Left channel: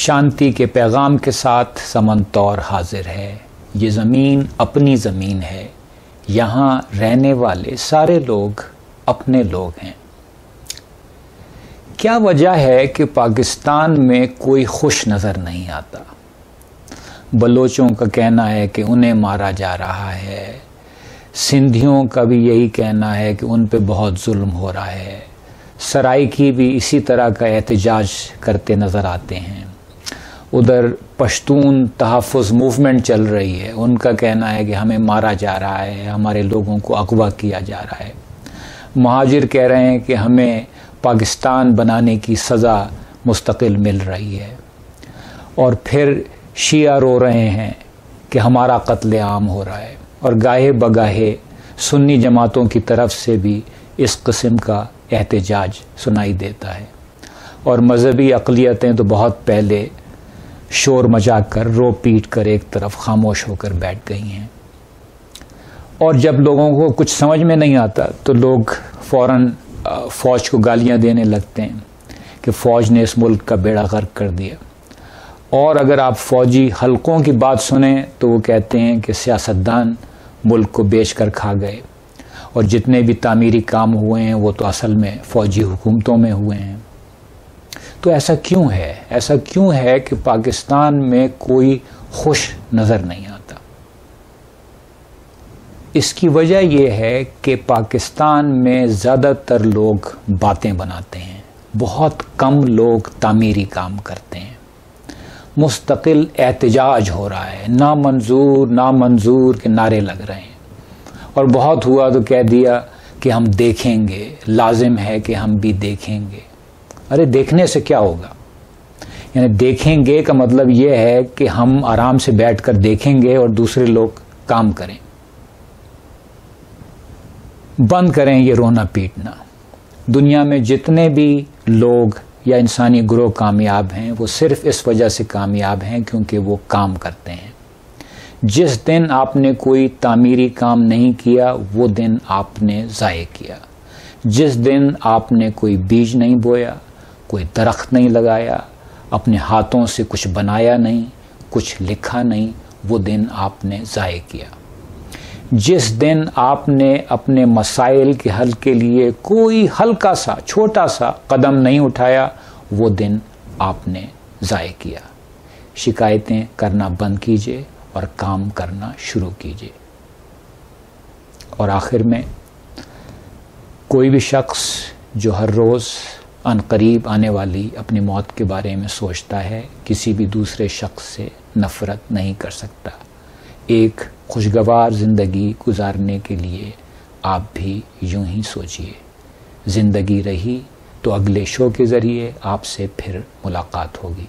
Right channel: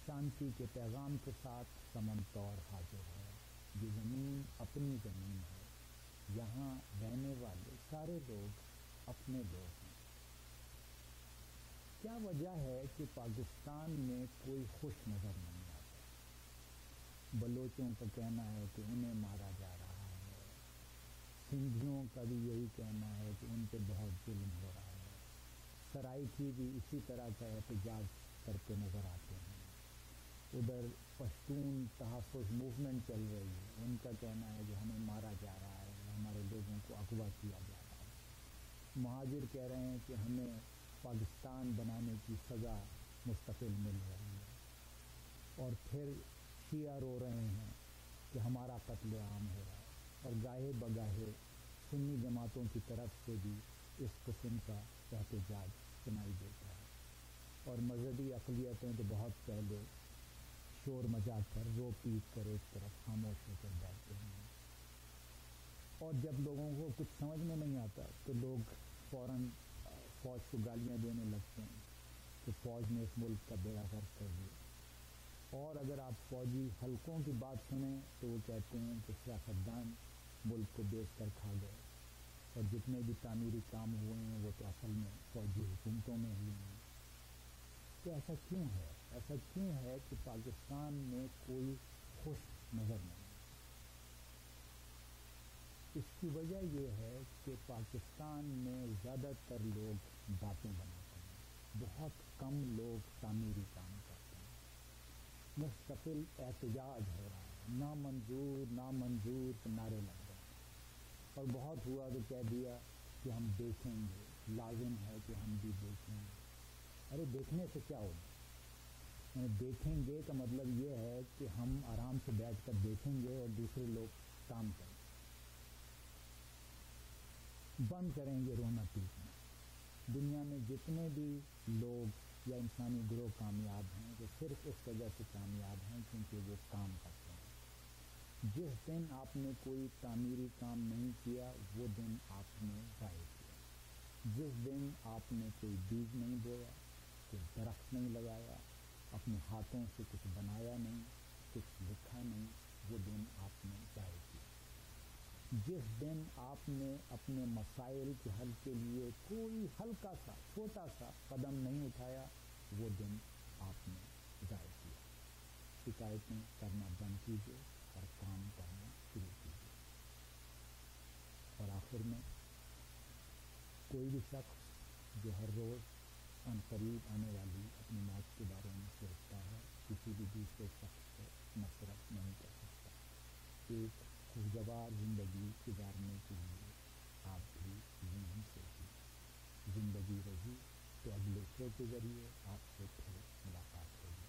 شانتی کے پیغام کے ساتھ سمن طور حاضر ہے. یہ زمین اپنی زمین ہے، یہاں رہنے والے سارے لوگ اپنے لوگ ہیں. کیا وجہ ہے کہ پاکستان میں کوئی خوش نظر نہیں آتا؟ بلوچوں کا کہنا ہے کہ انہیں مارا جا رہا ہے، سندھیوں کا بھی یہی کہنا ہے کہ ان پہ بہت ظلم ہو رہا ہے، سرائیکی بھی اسی طرح کا احتجاج کرتے نظر آتے ہیں. ادھر پشتون تحفظ موومنٹ چل رہی ہے، ان کا کہنا ہے کہ ہمیں مارا جا رہا ہے، ہمارے لوگوں کو اغوا کیا جا رہا ہے. مہاجر کہہ رہے ہیں کہ ہمیں پاکستان بنانے کی سزا مستقل مل رہی ہے. اور پھر شیعہ رو رہے ہیں کہ ہمارا قتل عام ہو رہا ہے. اور گاہے بگاہے سنی جماعتوں کی طرف سے بھی اس قسم کا احتجاج سنائی دیتا ہے. اور مذہبی اقلیتیں تو بہت پہلے شور مچا کر رو پیٹ کر ایک طرف خاموش ہو کر بیٹھ گئی ہیں. اور جب لوگوں کو کچھ سمجھ میں نہیں آتا تو لوگ فوراً فوج کو گالیاں دینے لگتے ہیں کہ فوج نے اس ملک کا بیڑا غرق کر دیا. اور اگر آپ فوجی حلقوں کی بات سنیں تو وہ کہتے ہیں کہ سیاستدان ملک کو بیچ کر کھا گئے، اور جتنے بھی تعمیری کام ہوئے ہیں وہ تو اصل میں فوجی حکومتوں میں ہوئے ہیں. تو ایسا کیوں ہے؟ ایسا کیوں ہے کہ پاکستان میں کوئی خوش نظر نہیں آتا؟ اس کی وجہ یہ ہے کہ پاکستان میں زیادہ تر لوگ باتیں بناتے ہیں، بہت کم لوگ تعمیری کام کرتے ہیں. مستقل احتجاج ہو رہا ہے، نامنظور کے نعرے لگ رہے ہیں. اور بہت ہوا تو کہہ دیا کہ ہم دیکھیں گے، لازم ہے کہ ہم بھی دیکھیں گے. ارے دیکھنے سے کیا ہوگا؟ یعنی دیکھیں گے کا مطلب یہ ہے کہ ہم آرام سے بیٹھ کر دیکھیں گے اور دوسرے لوگ کام کریں. بند کریں یہ رونا پیٹنا. دنیا میں جتنے بھی لوگ یا انسانی گروہ کامیاب ہیں وہ صرف اس وجہ سے کامیاب ہیں کیونکہ وہ کام کرتے ہیں. جس دن آپ نے کوئی تعمیری کام نہیں کیا وہ دن آپ نے ضائع کیا. جس دن آپ نے کوئی بیج نہیں بویا، کوئی درخت نہیں لگایا، اپنے ہاتھوں سے کچھ بنایا نہیں، کچھ لکھا نہیں، وہ دن آپ نے ضائع کیا. جس دن آپ نے اپنے مسائل کے حل کے لیے کوئی ہلکا سا چھوٹا سا قدم نہیں اٹھایا، وہ دن آپ نے ضائع کیا. شکایتیں کرنا بند کیجیے اور کام کرنا شروع کیجیے. اور آخر میں کوئی بھی شخص جو ہر روز عنقریب آنے والی اپنی موت کے بارے میں سوچتا ہے کسی بھی دوسرے شخص سے نفرت نہیں کر سکتا. ایک خوشگوار زندگی گزارنے کے لیے آپ بھی یوں ہی سوچئے. زندگی رہی تو اگلے شو کے ذریعے آپ سے پھر ملاقات ہوگی.